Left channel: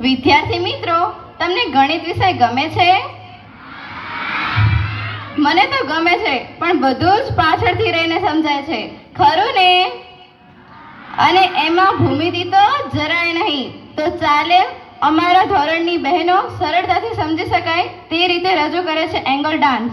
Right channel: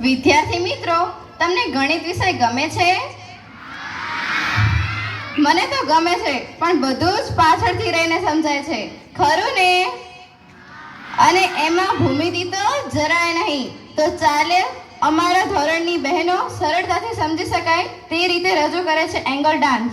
વિદ્યાર્થી મિત્રો, તમને ગણિત વિષય ગમે છે? મને તો ગમે છે, પણ બધું જ પાછળથી રહીને સમજાય છે. ખરું ને? અને એમાં ભૂમિતિ તો જરાય નહીં. તો ચાલે, અમારા ધોરણની બહેનો સરળતાથી સમજી શકાય, તે રીતે રજૂ કરે છે એંગલ ડાન્સ.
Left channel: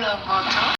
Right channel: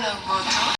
Hello, Martha.